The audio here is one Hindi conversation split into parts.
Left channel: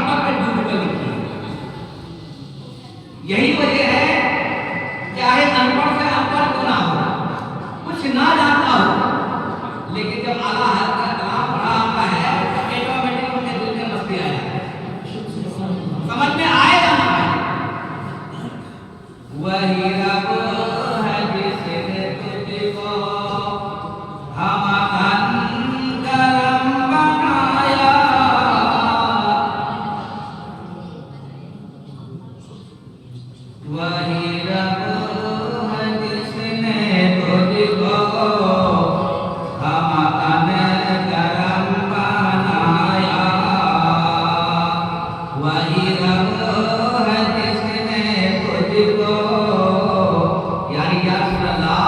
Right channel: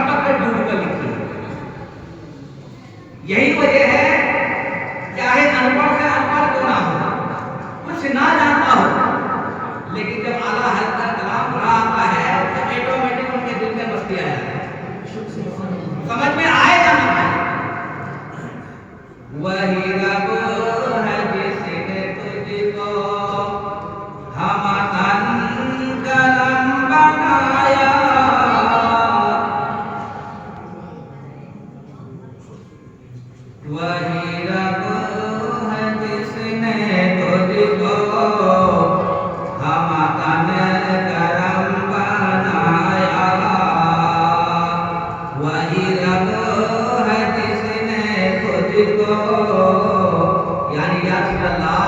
मरतब पे डूब कर लिखी है। यही वजह है, चाहे अनपढ़ से अनपढ़ क्यों ना हो, कुछ ना जानता हो, लेकिन जब आला हज़रत का कलाम पढ़ा आता है तो ऑटोमेटिक उनके दिल में मस्ती आ जाती है, समझ में आएगा ना आए। वही रब है जिसने तुझको हम तन करम बनाया, वही रब है जिसने तुझको हम तन करम बनाया, वही रब है जिसने तुझको, यानी या रसूल अल्लाह,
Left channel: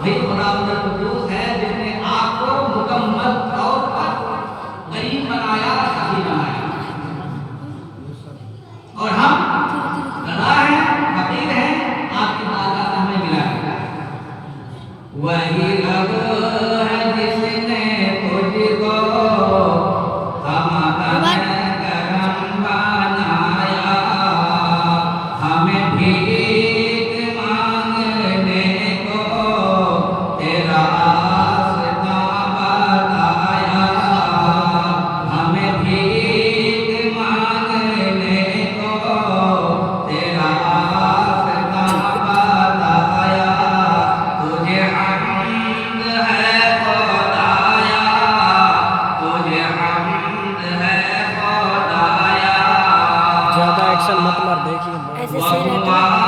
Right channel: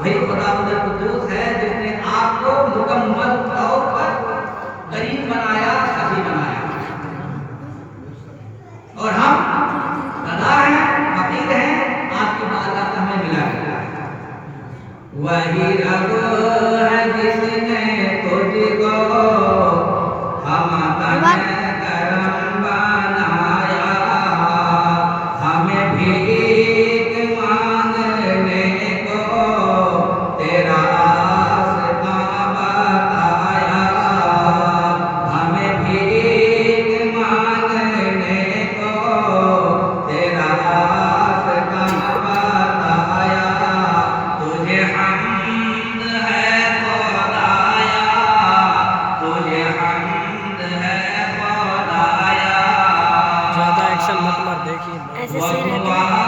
वही खुदावंद कुद्दूस है जिसने आपको मुकम्मल तौर पर करीम बनाया, सही बनाया। और हम गदा हैं, फकीर हैं, आपकी बारगाह से हमें मिला है। वही रब है जिसने तुझको हम तन करम बनाया, हमें भीख मांगने को तेरा रास्ता बताया, हमें भीख मांगने को तेरा रास्ता बताया, तुझे हम्द है खुदाया, तुझे हम्द है खुदाया। ज्यादा एक्शन मत मार, देखिए ऐसे सही रहता है।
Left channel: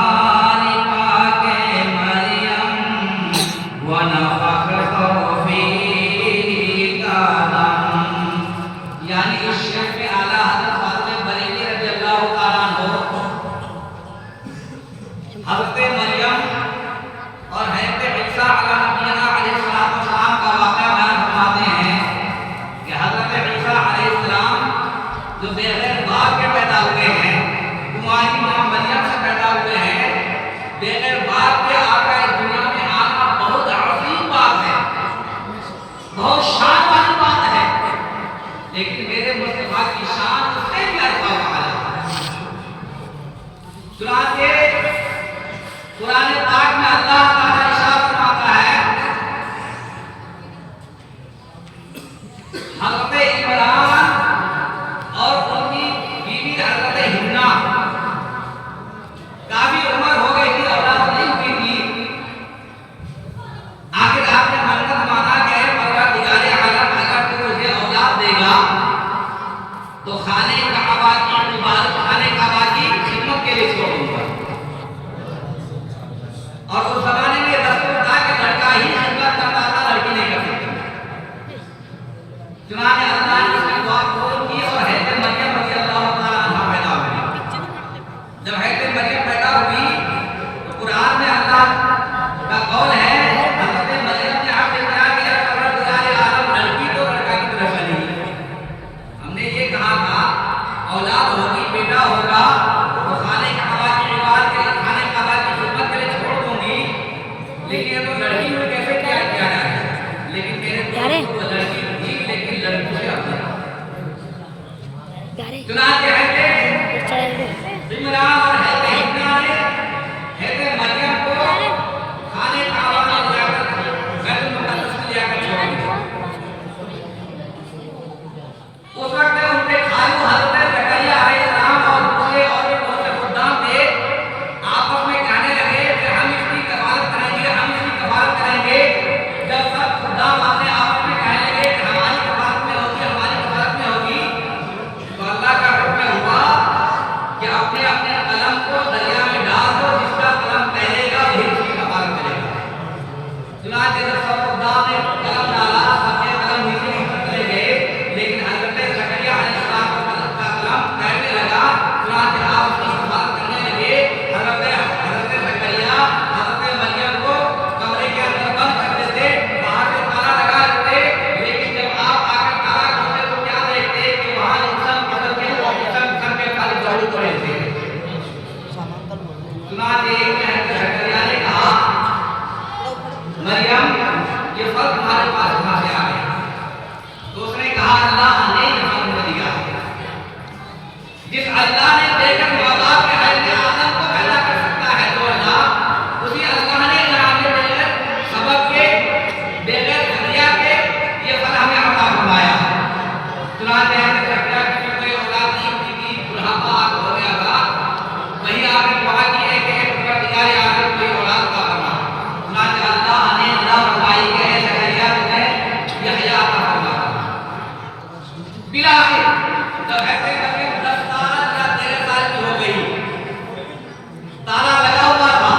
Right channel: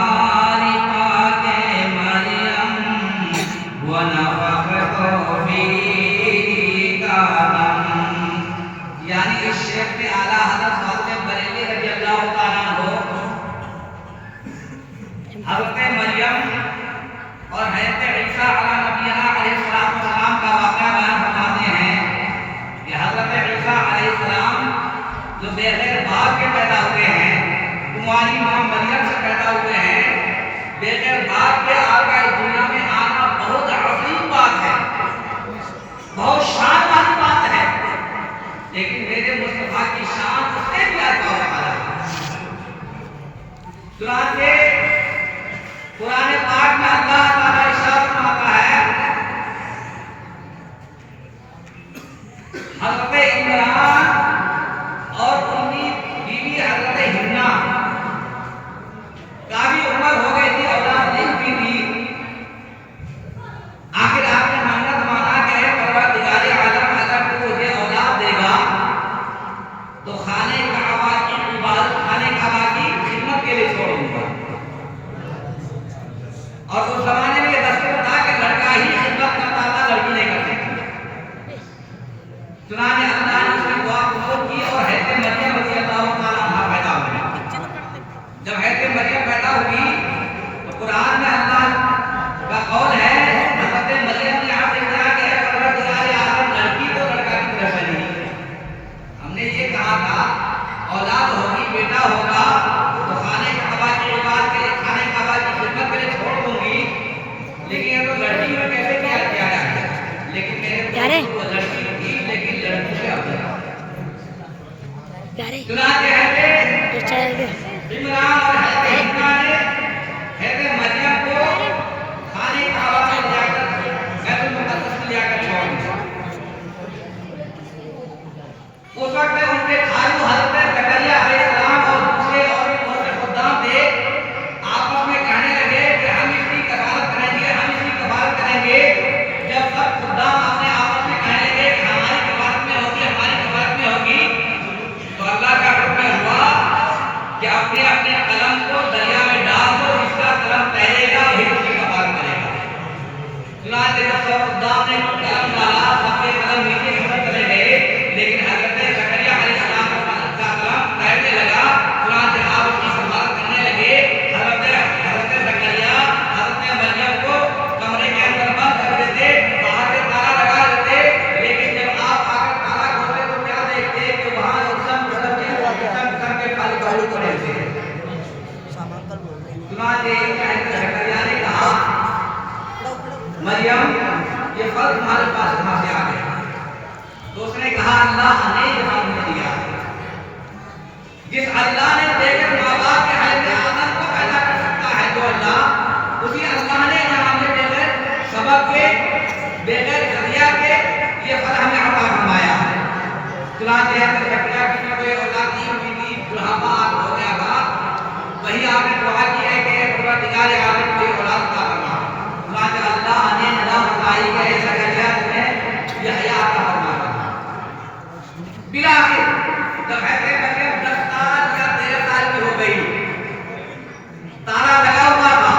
यानी इस शेर में आला हज़रत फातिमा बरेली रज़ी अल्लाह तआला अन्हो हज़रत मरियम और हज़रत ईसा अला नबीना अलैहिस्सलाम वस्सलाम का वाक़या बयान फरमाते हैं कि हज़रत ईसा अलैहिस्सलाम जो बगैर बाप के पैदा हुए हैं, कुंवारी मां मरियम से पैदा हुए हैं, बगैर बाप के आपका इस दुनिया में आना बहुत अजीम बात है, बहुत शान वाली बात है, लेकिन मेरे मुस्तफा की शान उससे भी अल्लाह है। चुनांचे कुरान पाक में अल्लाह ताला इरशाद फरमाता है, हज़रत इमरान और उनकी बीवी हज़रत हिन्ना काफी उम्र हो गई थी, औलाद नहीं हुई थी। आखिर आपने मन्नत माना कि हे परवरदिगारे आलम, अगर तू मुझे औलाद देगा तो खाने काबा की इबादत, खाने काबा की खिदमत के लिए छोड़ दूंगा। और उस जमाने में दस्तूर था कि लड़का ही खिदमत करता था, लड़की नहीं कर सकती। चुनांचे अल्लाह ने उसकी दुआ कबूल की और हज़रत मरियम रज़ी अल्लाह तआला अन्हा पैदा हुई। जब हज़रत मरियम पैदा हुई तो कुरान में अल्लाह का कौल है, हज़रत मरियम ने आपसे कहा कि हे परवरदिगारे आलम, लड़की तो लड़का की तरफ बनी। हमने ये कहा था औलाद होगी, बेटा होगा तो खाने काबा की इबादत के लिए, खाने काबा की खिदमत के लिए छोड़ दूंगी, लेकिन ये तो लड़की में कैसे क्या किया जाए। लेकिन मेरे को लड़की होगी, लेकिन लड़की से अफजल। चुनांचे इमरान और हज़रत हिन्ना ने हज़रत मरियम को खाने काबा में जाकर बैतुल मुक़द्दस में जाकर छोड़ दिया। उस वक्त उनके खालू हज़रत ज़करिया अलैहिस्सलाम और दूसरे और भी बहुत से खुद्दाम थे, आपस में कहने लगे कि हम इसकी कफालत करेंगे, हम इसकी कफालत करेंगे। जब सब खुद्दाम अपने आपस में कहने लगे कि हमारी कफालत में होगी, हमारी कफालत में होगी, तो अल्लाह का हुक्म हुआ कि अपने अपने कलम को दरिया में डाल दो, जिसका कलम तैरेगा वही उसकी कफालत करेगा। चुनांचे जब सब खुद्दाम ने कलम डाला, सबके कलम नीचे उतर चले गए, लेकिन हज़रत ज़करिया अलैहिस्सलाम का कलम तैरने लगा। चुनांचे आप उसकी संभाल करने लगे। हज़रत ज़करिया हज़रत मरियम को कमरे के अंदर बंद कर देते, बाहर से ताला लगा देते, लेकिन जब आप आकर ताला खोलते तो क्या देखते कि वहाँ इंसान बदल के खाली दौड़ पड़े थे। चुनांचे ज़करिया ने कहा, मरियम, ये फल तुम्हारे पास कहाँ से आ गया? तो उसने कहा, अल्लाह ने ये फल मुझे दिया। जिस अल्लाह ने बेगर औलाद के हज़रत आदम को पैदा कर सकता है जो अल्लाह, उसी अल्लाह ने यहाँ पे बेगर सबब के, बेगर जरिया के ये फल हमें अता फरमाया है। चुनांचे लड़कियां की कोई औलाद नहीं होती थी, बुढ़ापा हो गया था, वही आपने दुआ की है कि परवरदिगार आलम कोई औलाद अता फरमा। चुनांचे अल्लाह ने अता फरमाई कि ऐ ज़करिया तुम्हें यहया अता फरमा। बिलाखिर जब ऐसे मरियम 10 साल या 13 साल की हो गई, ताला लगा हुआ था,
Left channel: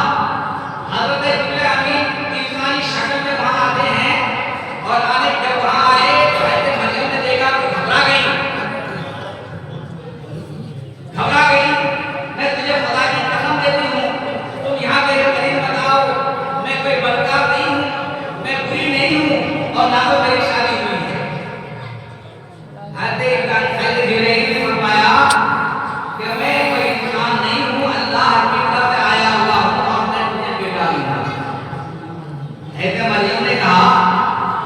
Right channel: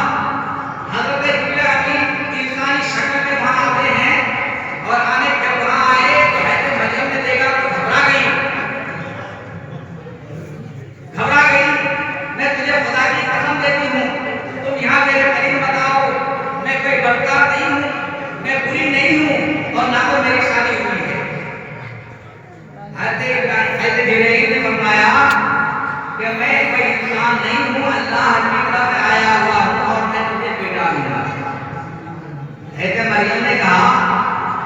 हज़रत जिब्रील अमीन इंसानी शक्ल में वहां आते हैं और आने जब वहां आए तो ऐसे मरियम ने देखा तो घबरा गई। मैं तुझे खुदा की कसम देती हूँ, तुम यहाँ मेरे करीब मत आओ, मैं कोई बदकार नहीं हूँ, मैं बुरी नहीं हूँ और ना तो मेरी शादी हुई है। हज़रत जिब्रील ने फरमाया कि मैं कोई इंसान नहीं हूँ, अल्लाह की तरफ से आया हुआ हूँ और मैं तुझे बेटा दूंगा। हज़रत मरियम ने कहा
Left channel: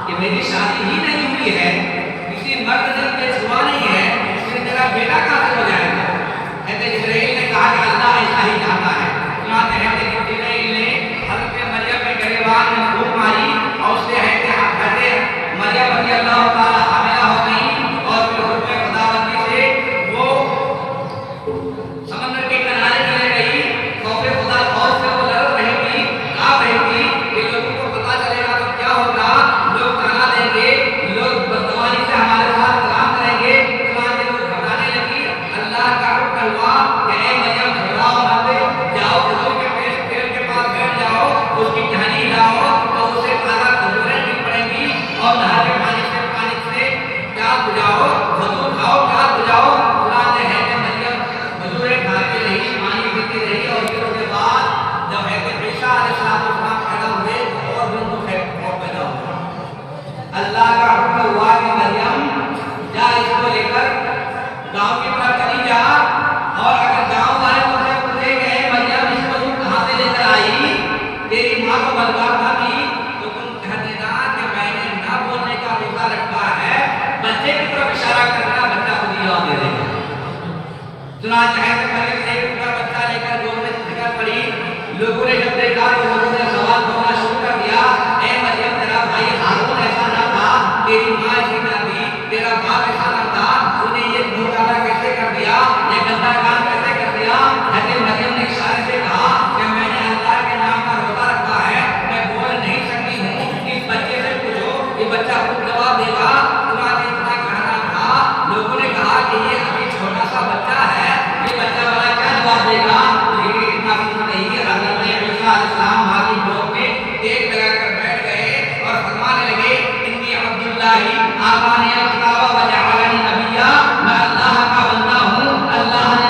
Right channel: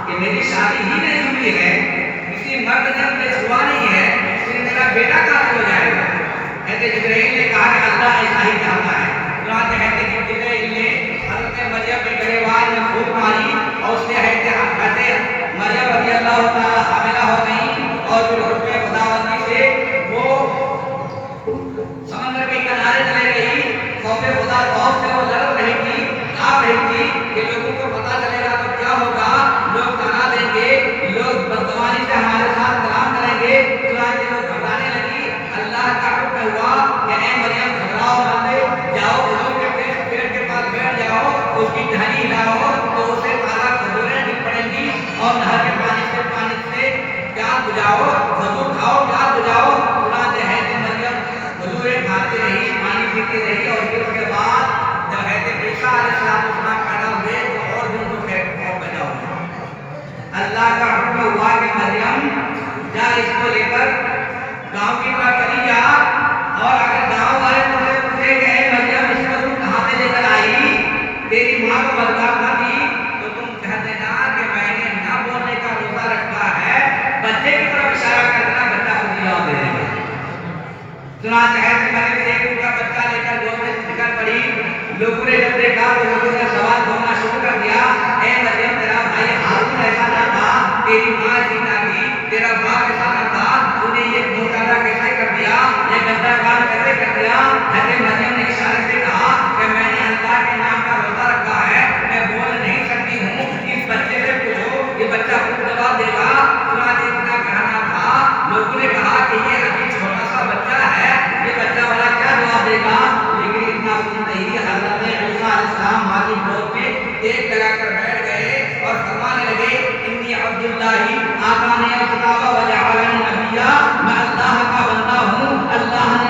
कि मेरी शादी ही नहीं हुई है, किसी मर्द ने मुझे छुआ नहीं है, फिर मेरा बेटा कहाँ से हो जाएगा। हज़रत जिब्रील ने कहा कि अल्लाह ऐसा ही चाहता है। चुनांचे हज़रत जिब्रील ने हज़रत मरियम के गिरबान में फूंक मारी और उसने हज़रत मरियम रज़ी अल्लाह ताला हामिला हो गई और फिर हुक्म खुदावंदी से वो समंदर के किनारे चले गई। खौफे खुदा खौफ से वो लड़ रही थी, कांप रही थी कि लोगों को पता चलेगा तो क्या होगा, लोग ताना देंगे, लोग बददुआई से हमारे साथ कलाम करेंगे। चुनांचे वो घबराने लगी। अल्लाह का हुक्म हुआ कि ऐ मरियम घबराओ मत, जाओ हुजूर के पेड़ के पास बैठ जाओ, उसकी टहनी हिलाओ तो उसे ताज़ा खजूरें गिर पड़ेंगी और नहर के पानी से प्यास बुझाओ, खजूर खाओ, प्यास बुझाओ। चुनांचे है कि मरियम खजूरें खाती रही, पानी पीती रही और फिर उसके बाद जब हज़रत ईसा अलैहिस्सलाम पैदा हुए तो और भी उनको खौफ पैदा हुआ। अल्लाह का हुक्म हुआ कि मरियम जा इसको लेकर गांव की तरफ चली जा, और अगर गांव वाले मुझसे पूछेंगे मरियम इसको तुम कहां से लेकर आई, तेरी मां को बदकार ना दी, तो तुम कह देना कि मैंने ना बोलने का रोज़ा रखा है, बच्चे की तरफ इशारा करना, बच्चा खुद ही जवाब दे देगा। चुनांचे हज़रत मरियम ने एक बच्चा लेकर गोद में सिर पड़ी। लोगों ने जब देखा तो लोगों ने सवाल करना शुरू कर दिया, ऐ मरियम तेरा भाई हारून ऐसा ना था, तेरी माँ ऐसी ना थी, तेरा बाप ऐसा ना था, तूने ये मुंह काला कैसे कर दिया, ये गंदा काम कैसे कर दिया। हज़रत मरियम ने इशारे से कहा कि मैंने अल्लाह के नाम का रोज़ा रखा है, मैं बोल नहीं सकती हूँ, इस बच्चे से पूछो, ये बच्चा खुद जवाब देगा। चुनांचे इतना कहना था, लोगों ने कहा कि ये अभी छोटा सा बच्चा है, ये बच्चा वाला क्या जवाब देगा, लेकिन इतना सुनते ही हज़रत ईसा अलैहिस्सलाम माँ की गोद में टेक लगाकर बैठ गए और फरमाने लगे, इन्नी अब्दुल्लाही आतानी अल-किताब व जअलनी नबिय्या, मैं अल्लाह का बंदा हूँ, अल्लाह ने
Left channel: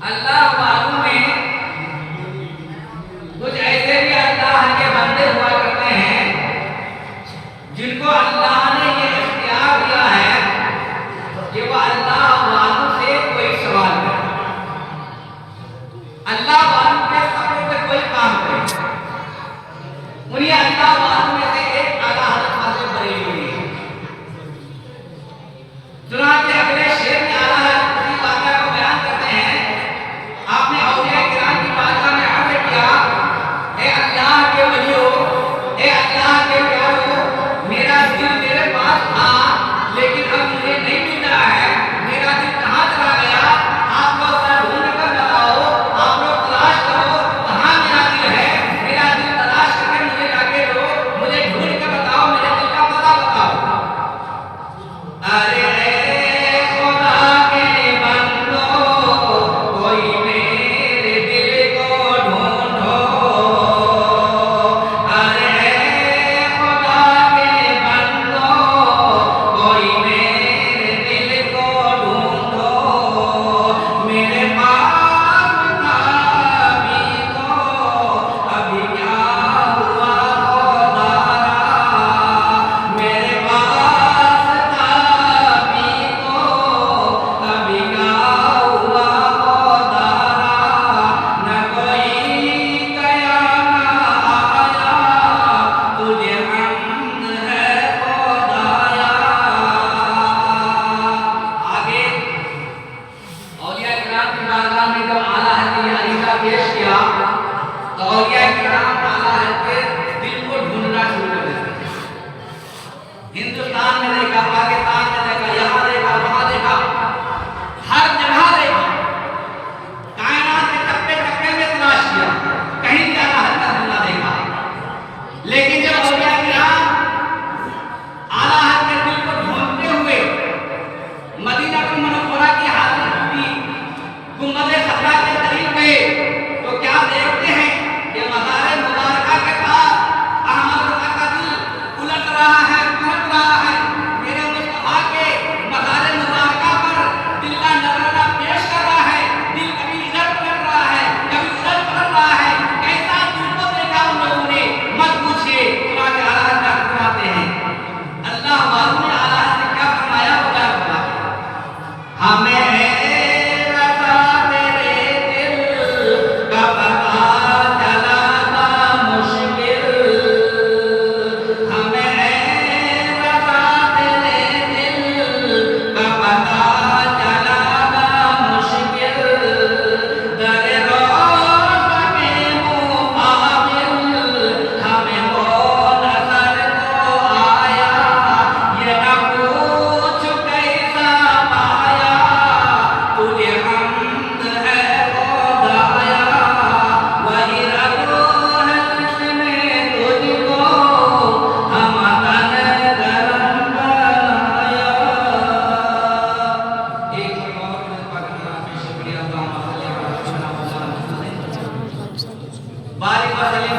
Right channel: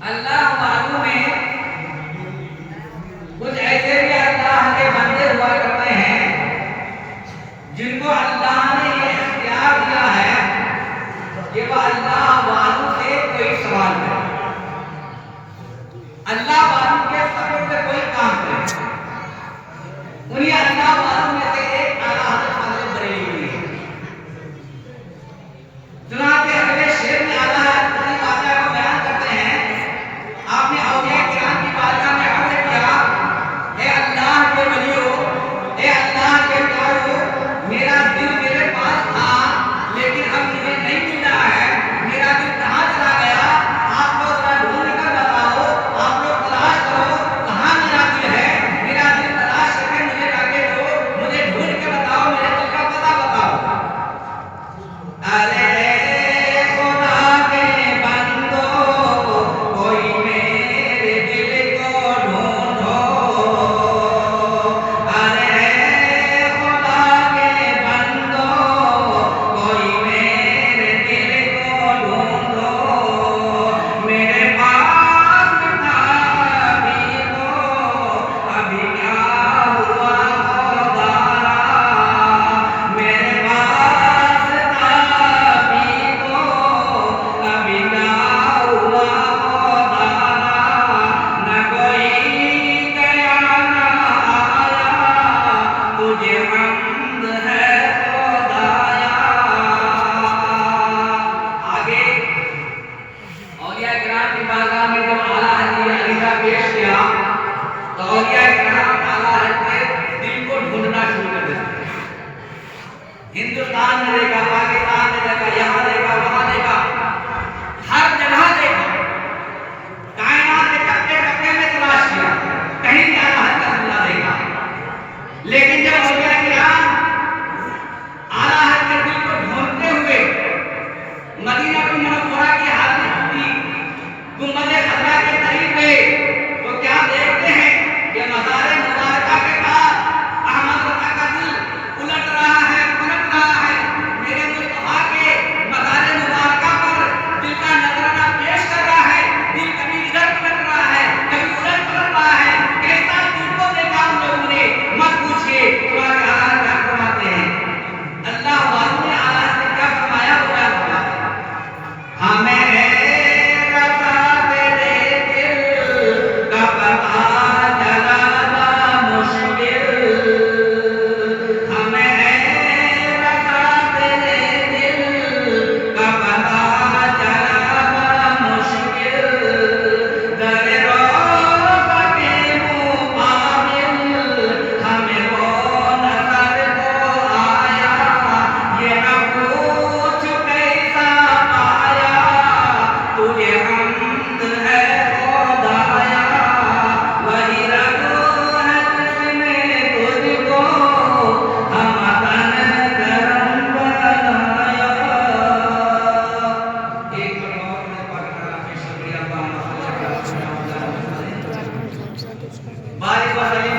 अल्लाह वालों में कुछ ऐसे भी अल्लाह के बंदे हुआ करते हैं जिनको अल्लाह ने ये इख्तियार दिया है कि वह अल्लाह वालों से कोई सवाल करे, अल्लाह वालों के सपोर्ट पे कोई काम करे। उन्हीं अल्लाह वालों में से एक आला हज़रत फाज़िल बरेलवी है। चुनांचे अगले शेर में आला हज़रत उसी वाक़या को बयान करते हैं। आपने औलिया किराम की बारगाह में अर्ज़ किया, हे अल्लाह के वलियों, हे अल्लाह के प्यारों, मेरा दिल मेरे पास था लेकिन अब मुझे नहीं मिल रहा है, मेरा दिल कहाँ चला गया? आप लोग जरा ढूंढ कर बताओ, आप लोग तलाश करो कहाँ मेरा दिल है, मेरा दिल तलाश करके मुझे लाके दो, मुझे ढूंढ के बताओ, मेरे दिल का पता बताओ। अरे खुदा के बंदो, कोई मेरे दिल को ढूंढो। अरे खुदा के बंदो, कोई मेरे दिल को ढूंढो। मेरे पास था अभी तो, अभी क्या हुआ खुदारा। मेरे पास था अभी तो, अभी क्या हुआ खुदारा। न कोई गया न आया, तुझे हम्द है खुदाया। आगे औलिया किराम की बारगाह में जब आला हज़रत अली का पेश किया तो औलिया किराम आला हज़रत दिल को ढूंढना शुरू कर देते हैं। हिंदुस्तान में देखा, पाकिस्तान में देखा, यहाँ देखा, वहाँ देखा, हर जगह देखा, कायनात के चक्के चक्के में तलाश किया, कहीं भी आला हज़रत का दिल ना देखा। लेकिन जब औलिया किराम आला हज़रत के दिल को ढूंढते हुए मदीना मुनव्वरा की हाजिर हुई, गुंबद खज़रा के करीब गए तो क्या देखते हैं कि मज़ार मुबारका के पास अहमद रज़ा का दिल उलट रहा है, पलट रहा है। मेरे मुस्तफा के मज़ार मुबारका पर दिल का नजराना पेश कर रहा है। दिल कभी इधर पलट रहा है, कभी उधर पलट रहा है। ऐसा दिल को देखा उन लोगों ने, मत पूछिए। कुरान के आला हज़रत फरमाते हैं, अल्लाह वालों ने आला हज़रत क्या फरमाया होगा, हमें रज़ा तेरे दिल का पता चला था मुश्किल। हमें रज़ा तेरे दिल का पता चला था मुश्किल। दरे रोज़ के मुक़ाबिल हमें वो नज़र तो आया। ये न पूछ कैसा पाया, तुझे हम्द है खुदाया। वही रग है जिसने तुझको हमदन करम बनाया। एक मोहब्बत में पाकिस्तान के शुक्रिया, अल्लाहुम्मा सल्ली अला मुहम्मद। बारिक व सल्ली